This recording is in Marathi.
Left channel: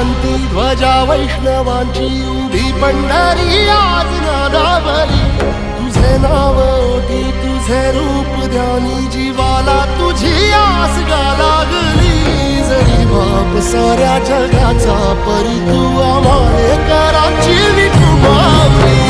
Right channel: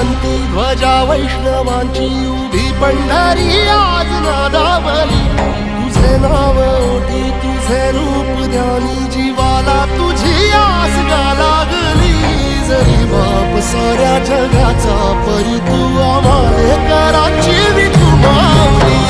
शेवंती ध्वजा वैष्णवांची उभी पंढरी आज नादावली तुझे नाव ओठी तुझे रूप ध्यानी जीवाला तुझी आस गा लागली जरी बाप साऱ्या जगाचा परी तू आम्हाले कराची विठू माऊली